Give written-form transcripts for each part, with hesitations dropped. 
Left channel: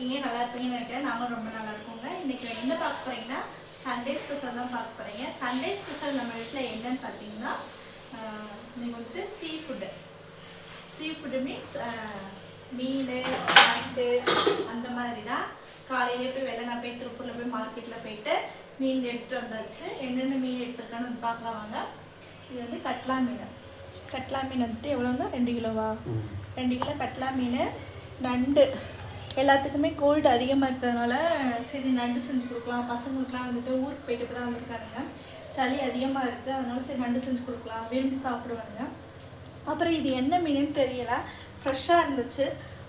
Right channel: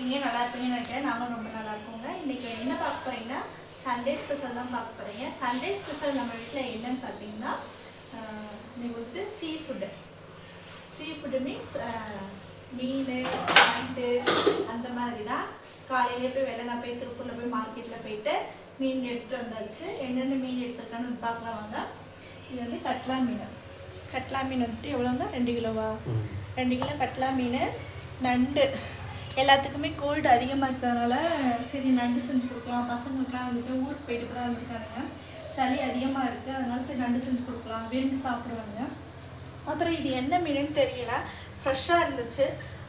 இருக்கீங்க? நல்லா இருப்பீங்கன்னு நினைக்கிறேன். நாங்களும் ரொம்ப நல்லா இருக்கோங்க. இன்னைக்கு என்ன பார்க்க போறீங்கன்னா சண்டே ஸ்பெஷல் தான் பார்க்க போறீங்க. சண்டே ஸ்பெஷல் நம்ம வீட்டில் என்னன்னு பார்த்தீங்கன்னா நீங்கள் வந்துட்டு சீ ஃபுட்டு மீன்ஸ் மீன் நண்டு அந்த மாதிரி தான். காலையிலே போய் நான் போய் திருப்பூரில் போய் மார்க்கெட்டில் போயிட்டு மீன் எடுத்துகிட்டு வந்தாச்சு. என்னென்ன மீன் எடுத்துருக்கான்னு வந்து பார்க்கலாம் வாங்க. இது வந்து கட்லா மீன் வந்துட்டு எவ்வளோங்க? 2 கிலோவா? 2 கிலோ கட்லா மீன். நண்டு எல்லாத்துக்குமே கோல்டு அதிகமாக இருக்கிறதுனால சரி நண்டு செஞ்சு கொடுக்கலாம். பசங்களுக்குலாம் வந்துட்டு ஊருக்கு போயிட்டு தான் வந்திருக்காங்க, சளி அதிகமாக இருக்குது, அதனால சரி நண்டு செஞ்சு கொடுக்கலாம், விரும்பி சாப்பிடுவாங்க. அப்புறம் இது என்ன மீனுன்னு தெரியல, ஃப்ரெஷ்ஷாக இருந்துச்சு,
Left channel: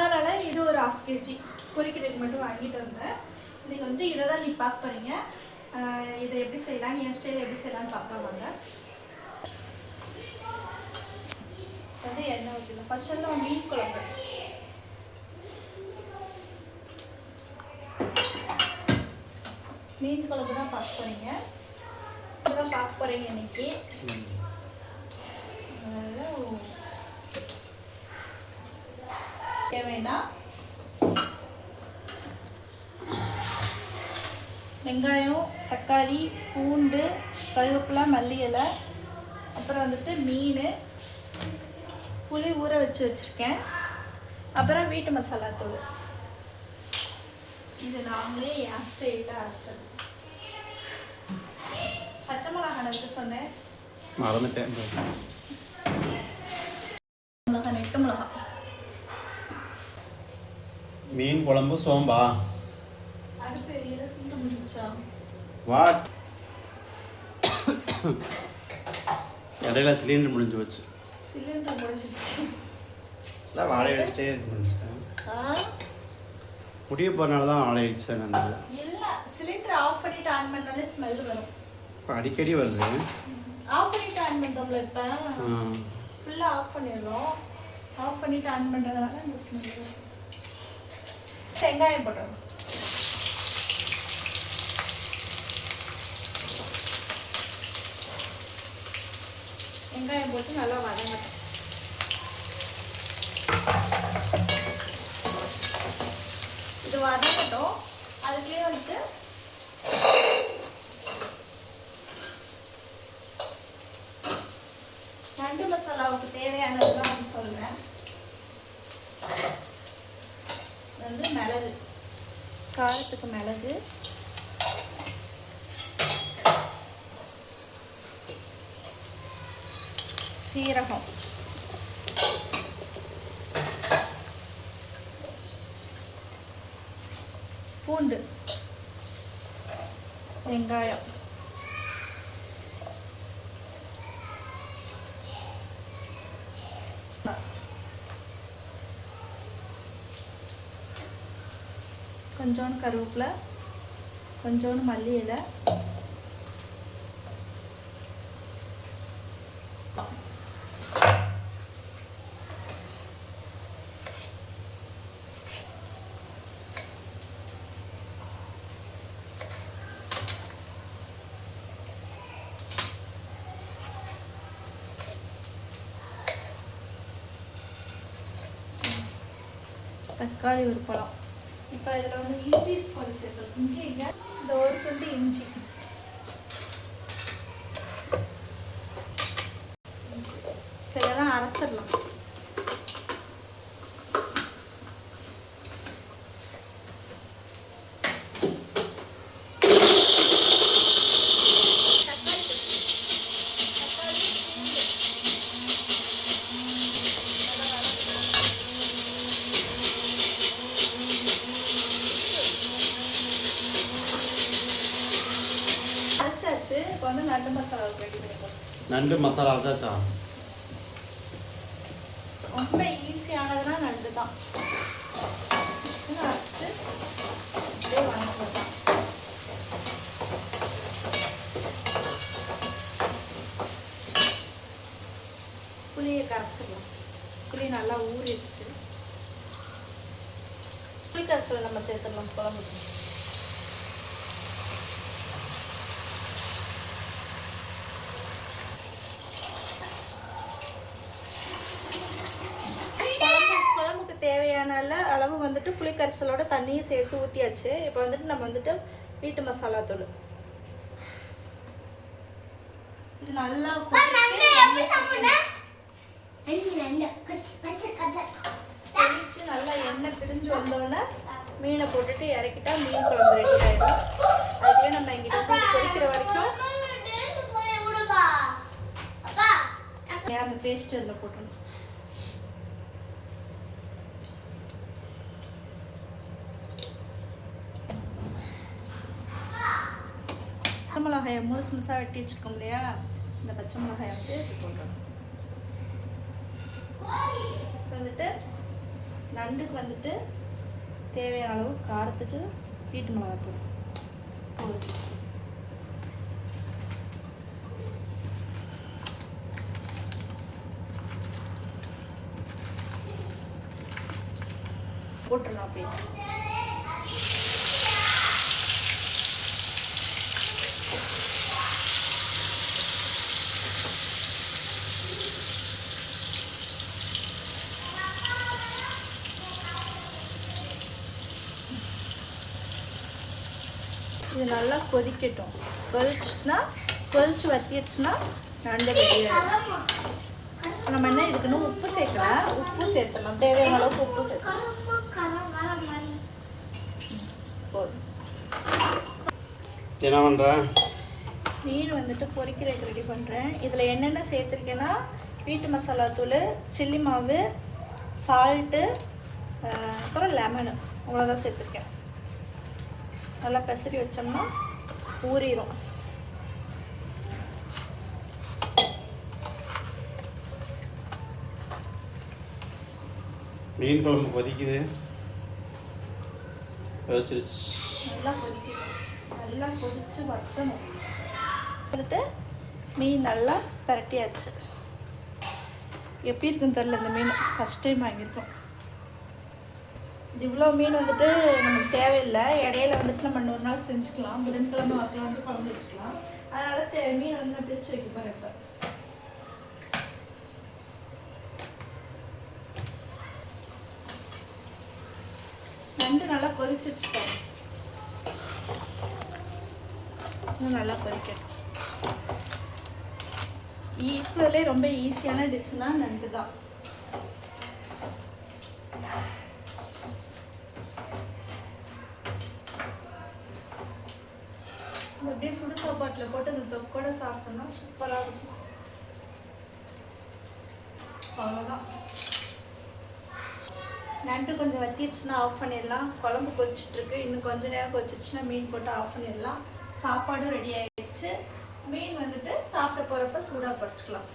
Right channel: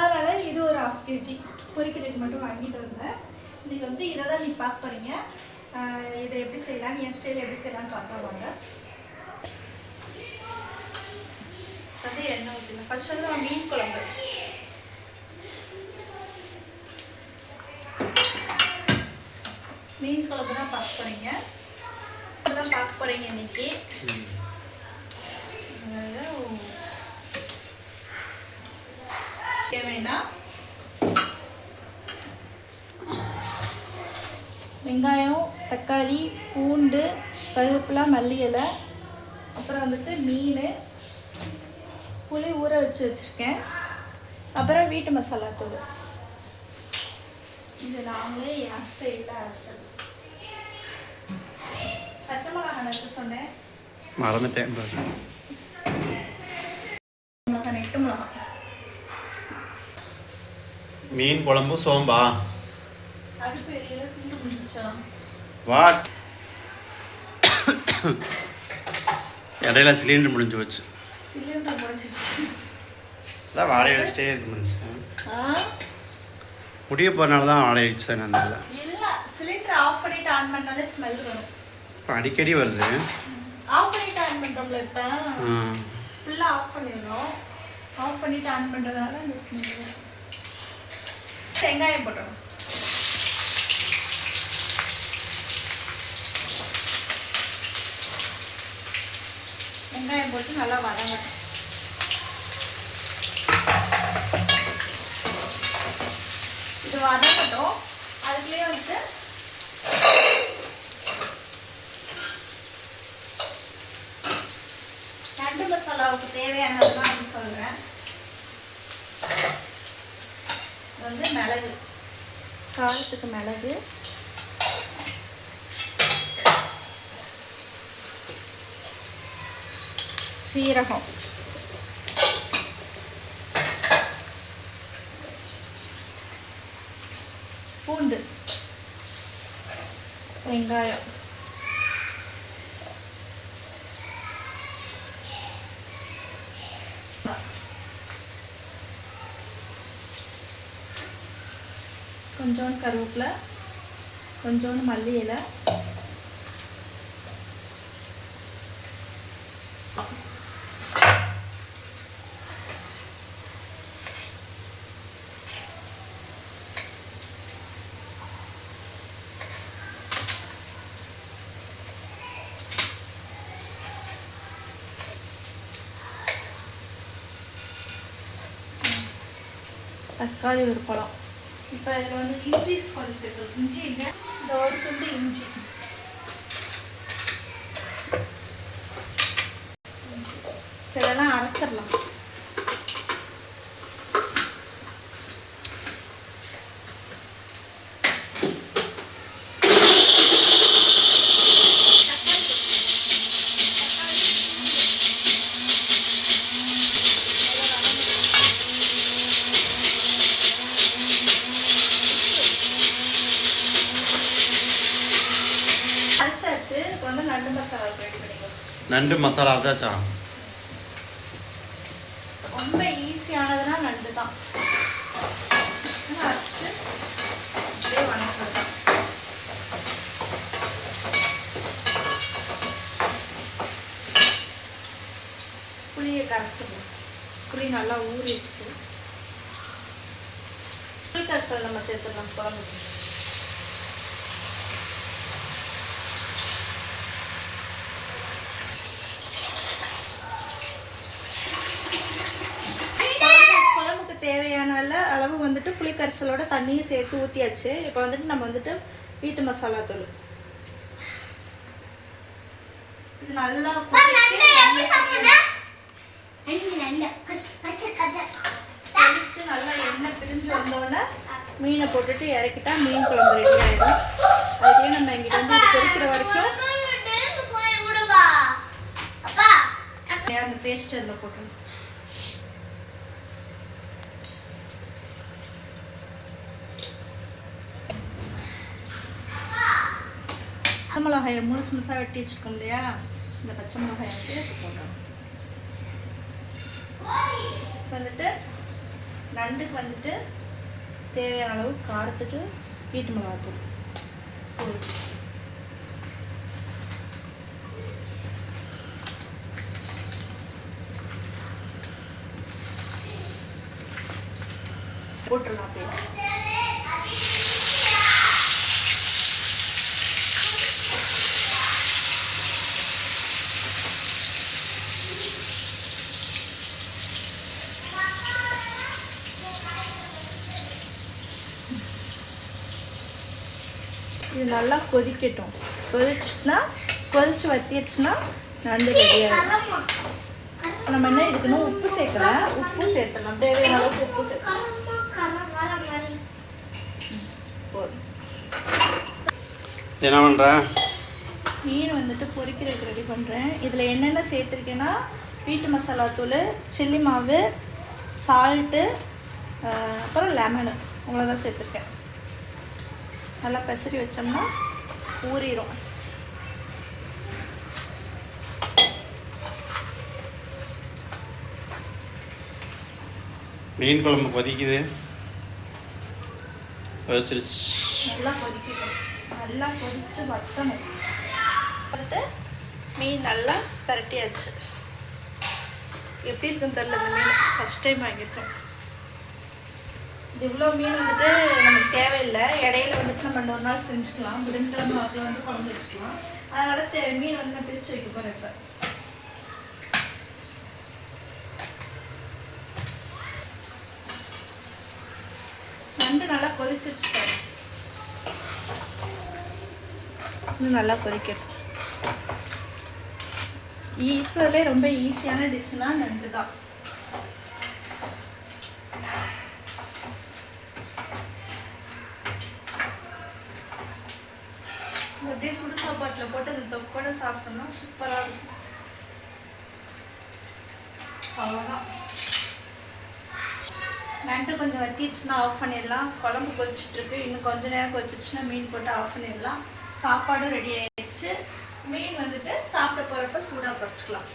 அதனால் இது ஒரு 1/2 kg பொரிக்கிறதுக்கு மட்டும் வாங்கிட்டு வந்தேன். இன்றைக்கி வந்து இதை தான் நீங்கள் பார்க்க போகிறீங்க. இதை எப்படி செய்யலாம், என் ஸ்டைலில் எப்படி செய்யலான்னு பார்க்கலாம் வாங்க. வந்து எண்ணெய் ஊற்றிடலாம். ஃபர்ஸ்ட் வந்து நான் மீன் குழம்பு தான் பார்க்க போகிறீங்க. தான் பார்க்க போகிறீங்க இன்னைக்கு. தேவைன்னா வெங்காயம், தக்காளி, பூண்டு, கருவேப்பிலை, மல்லி இலை, அப்புறம் வந்துட்டு மீன், புளி ஊற வச்சுருக்கேன், அப்புறம் வீட்டு மசாலா தூள். இது நாங்களே என் ஸ்டைலில் அரைச்சது. பச்சை மிளகாய் நட்டு சொன்னேன், மறந்துட்டேன். மிளகாய் நெட்டு மிளகாய். மீன் குழம்பு சோம்பா. அது பெரிய சிந்து முடிச்சா வாட் இடையில சிலிண்டர் முடிஞ்சு வச்சு. சிலிண்டர் முடிஞ்சிருச்சு. அதான் வாடகை அடிச்சிட்டே இருக்கு மனுஷன். முடிய போகிறனால தான் வாடகை அடிச்சு தான் அந்த இல்லை, சிலிண்டர் ஆஃப் பண்ணிட்டு ஆன் பண்ணாலே ஸ்மெல் வரும். இப்போ அடிக்கடி வருது. ஆஃப் பண்ணிட்டு ஆன் பண்ணுறோம்ல, இப்போ ஃபுல்லாக ஆஃப் பண்ணிடுறோம். ஆஃப் பண்ணிட்டு ஆன் பண்ணுறதுனால இந்த ஸ்மெல். வெங்காயம் போட்டுறோம். வெங்காயம் போட்டு நல்லா வதங்கட்டும். இது வதங்கட்டும். அதுக்குள்ளேயே வந்துட்டு நண்டு மசாலாவுக்கு தேவையானதுலாம் வந்து சொல்கிறேன். வந்து மிளகு, காரத்துக்கு மிளகு, சீரகம், பூண்டு, வெங்காயம், கொஞ்சோண்டு கருவேப்பிலை, கொஞ்சோண்டு மல்லி இலை, தக்காளி ஒரு பழம். இப்போ இதில் வந்து இஞ்சி கொஞ்சம் சேர்த்துக்கணும். இஞ்சி இல்லை, இந்த ஒரு துண்டு இஞ்சி, இதெல்லாம் அரைச்சிடலாம். நண்டு மசாலா அரைச்சாச்சா? ரொம்ப ஈஸியானதுன்னா நண்டு தான். அரைச்சிட்டு அப்படியே வணக்கலாம். புளியை கரைச்சிடலாம். புளி நல்லா ஊறிடுச்சு. புளி கரைசல் நம்ம சேர்த்துடலாம் குழம்புக்கு. தேவையான தேவையான அளவு வந்துட்டு புளிக்கரைசலோட தண்ணியும் சேர்த்து ஊற்றியாச்சு. இப்போ வந்துட்டு நம்ம வந்துட்டு வீட்டு மசாலா தூள் இது நல்லா நல்லா எண்ணெய் பிரிஞ்சு வந்தோடனே மீனை போட்டுட்டு இறக்கிட்டா மீன் குழம்பு ரெடி ஆயிடும். அதுக்கே நம்ம எங்கிட்ட வந்து இது கொதிக்கிற வரைக்கும் அந்த பேஸ்ட் அதில் போட்டணும். பச்சை மிளகாயை முழுசாக வெட்டி வச்சுருக்கோம் இல்லையா, இந்த பச்சை மிளகாயை வந்து போட்டணும். வந்துட்டு நண்டுக்கு வந்துட்டு தேவையான அளவு காரத்துக்கு வீட்டு மிளகாத்தூள் போட்டுடலாம். அப்படியே இது நல்லா கொதிக்கட்டும். கொதிச்சு வத்திடுச்சுன்னா நண்டு ரெடியாகும். நம்ம என்ன இதுக்குன்னு உப்பு சேர்க்கலாம். உப்பு சேர்த்துக்கலாம், தேவையான அளவுக்கு உப்பு சேர்க்கலாம். என்ன பண்ணுற? மீன் வந்துட்டு பொரிக்கிறதுக்கு ரெடி பண்ணுறேன். இதில் என்னென்ன சேர்த்துருக்கேன்னா வீட்டு மசாலா தூள், சில்லி மாவு, சால்ட்டு, அப்புறம் லெமனு, அவ்வளோதான் சேர்த்துருக்கேன். நல்லா பெசரி வச்சோம்னா ஊறிடும். மீன் குழம்பு கொதிக்குது. கொதிச்சிருச்சு. நல்லா கொதிக்கணும். நல்லா கொதிச்சு வத்தணும். போட்டு மீன் நல்லா திரட்டியாச்சு. எப்படி இருக்குன்னு தெரில. இந்த மீன் ஃபஸ்ட் டைம் ஆகியிருக்கேன். இவ்வளோ மீன் வந்துட்டு நமக்கு தேவையில்லை. இடையில வந்துட்டு நம்ம இன்னொரு நாள் செஞ்சுக்கலாம். புதன்கிழமை வாக்கில் வந்து குழம்பு வச்சுக்கலாம். அதனால் மீன் வந்து நான் பிரித்து வைக்க போகிறேன். இப்போ நண்டு நல்லா கொதிச்சிருச்சு பாரு. இன்னும் நல்லா கொதிக்கணும். இருக்கிறதுலே ரொம்ப ஈஸியான டிஷ்னா நண்டு தான். அப்படியே சுடு சாப்பாட்டில் போட்டு அந்த தொக்கோட சாப்பிட்டோம்னா சூப்பராக இருக்கும். அவ்வளோதான். நண்டு கொஞ்சம் வத்திடுச்சுன்னா ஆஃப் பண்ணிடலாம். குழம்பு கொதிச்சுட்ருக்கு. இன்னும் கொஞ்சம் நேரம் கொதிச்சிச்சுன்னா மீன் போட்டு ஆஃப் பண்ணிடலாம். சாப்பாடும் ரெடி ஆகிடுச்சு. மீன் வந்துட்டு சாப்பிட போகிறப்ப சூடாக பறிச்சுக்கலாம்.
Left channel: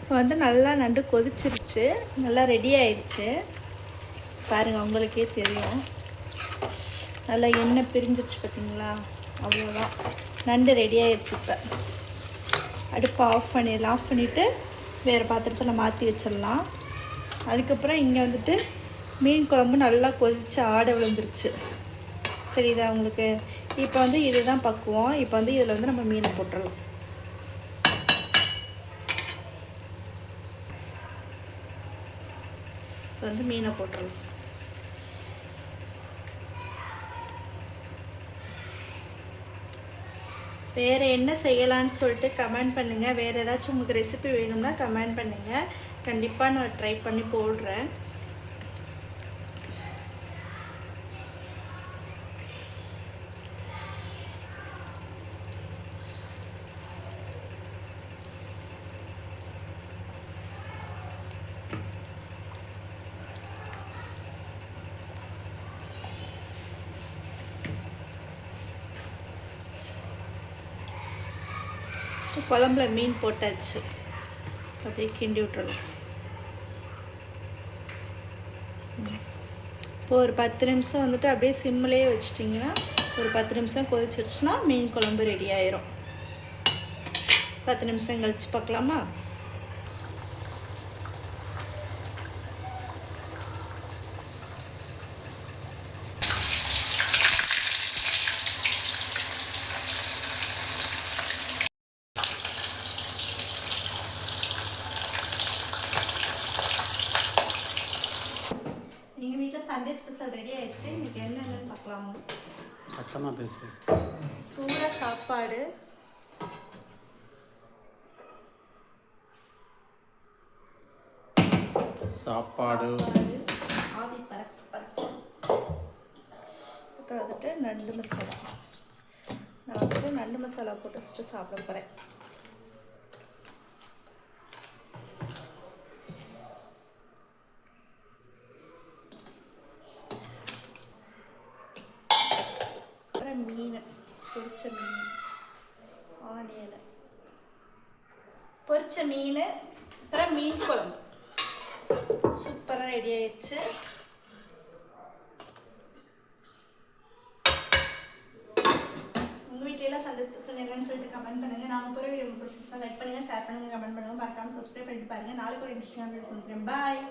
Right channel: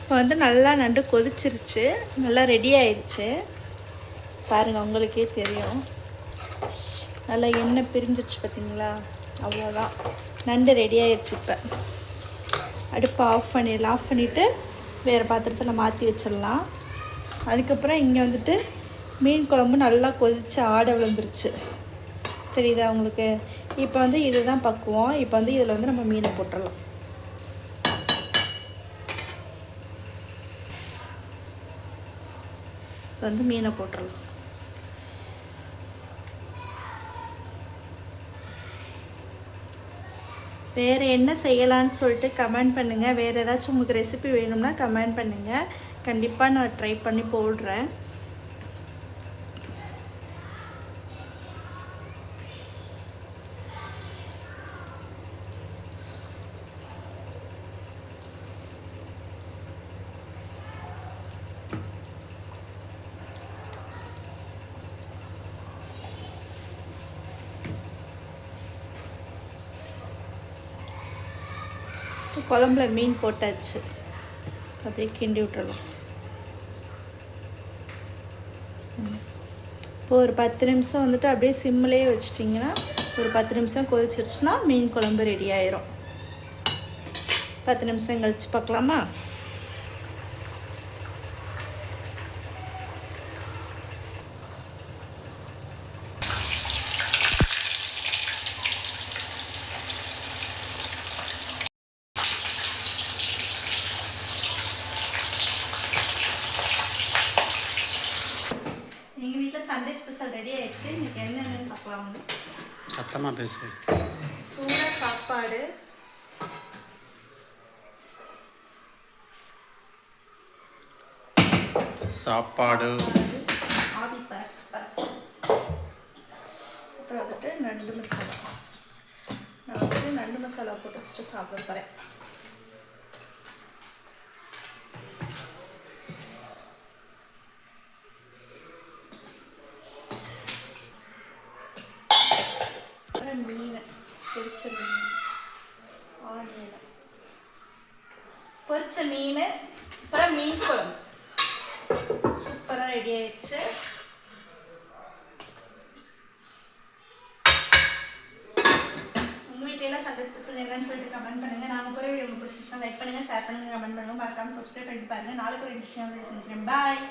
இப்போ வந்து நல்லா நண்டு கொதிச்சிருச்சு. நல்லா ரெடி ஆயிடுச்சு. பாருங்கள், உங்களுக்கே தெரியும். நல்லா எண்ணெய் பிரிஞ்சிருச்சு பார்த்தீங்களா? அவ்வளோதான், நண்டு ரெடி ஆயிடுச்சு. இப்போ அடுப்பை ஆஃப் பண்ணிடலாம். ஆஃப் பண்ணிவிட்டு வேறு பாத்திரத்தில் மாற்றி வச்சிடலாம். அதுக்கப்புறம் இங்கே வந்துட்டு மீன் குழம்பு நல்லா கொதித்து ஆடை விழுந்துருச்சு. தெரியுதா உங்களுக்கு? இப்போ வந்து இதுதான் பக்குவம். இப்போ வந்து இதில் வந்து நம்ம மீனை போட்டுடலாம். இப்போ வந்து மீனை போட்டுடலாம். வேறு என்ன செய்யலான்னு சொல்லிட்டு கமெண்ட் பண்ணுங்கள். வேறு ஏதாச்சும் உங்களுக்கு ரெசிபி வேணும்னா கமெண்ட் பண்ணுங்கள். கண்டிப்பாக நான் ட்ரை பண்ணி போடுறேன். குழம்புல மீன் போட்டாச்சு. அப்படியே கிண்டி விட்டுறலாம். இப்போ ஒரு 10 நிமிஷம் வந்துட்டு அப்படியே சிம்மிலேயே வச்சிட்டிங்கன்னா ஒரு 10 நிமிஷம் கொதிச்சிருச்சுன்னா மீன் குழம்பு ரெடி ஆயிரும். 10 நிமிஷம் கழிச்சு பார்க்கலாமா? இன்னைக்கு என்னென்னு பார்க்கலாம். சத்தமாக பேசு. சூட சாப்பாடு, சாப்பாடு, ஆவி பறக்கு. அப்புறம் வந்துட்டு நண்டு மசாலா. நான் வந்துட்டு நண்டு மசாலா போட்டு வச்சுட்டு சாப்பிட போகிறேன். மீன், பொரிச்ச மீன், ஆனியன், பொரிச்ச மீன், அப்புறம் மீன் குழம்பு சூப்பராக ரெடி ஆயிடுச்சு. உங்கள் வீட்டிலலாம் சண்டே ஸ்பெஷல் என்னன்னு சொல்லிட்டு கமெண்ட் பண்ணுங்கள். நாங்கள் போகிற வீடியோ உங்களுக்கு பிடிச்சிருந்தா லைக் பண்ணுங்கள், ஷேர் பண்ணுங்கள், கமெண்ட் பண்ணுங்கள். மறக்காமல் சப்ஸ்கிரைப் பண்ணிட்டு பாருங்கள். நாளைக்கு ஒரு இன்ட்ரெஸ்டிங்கான வீடியோ சந்திக்கிறேன். பாய்.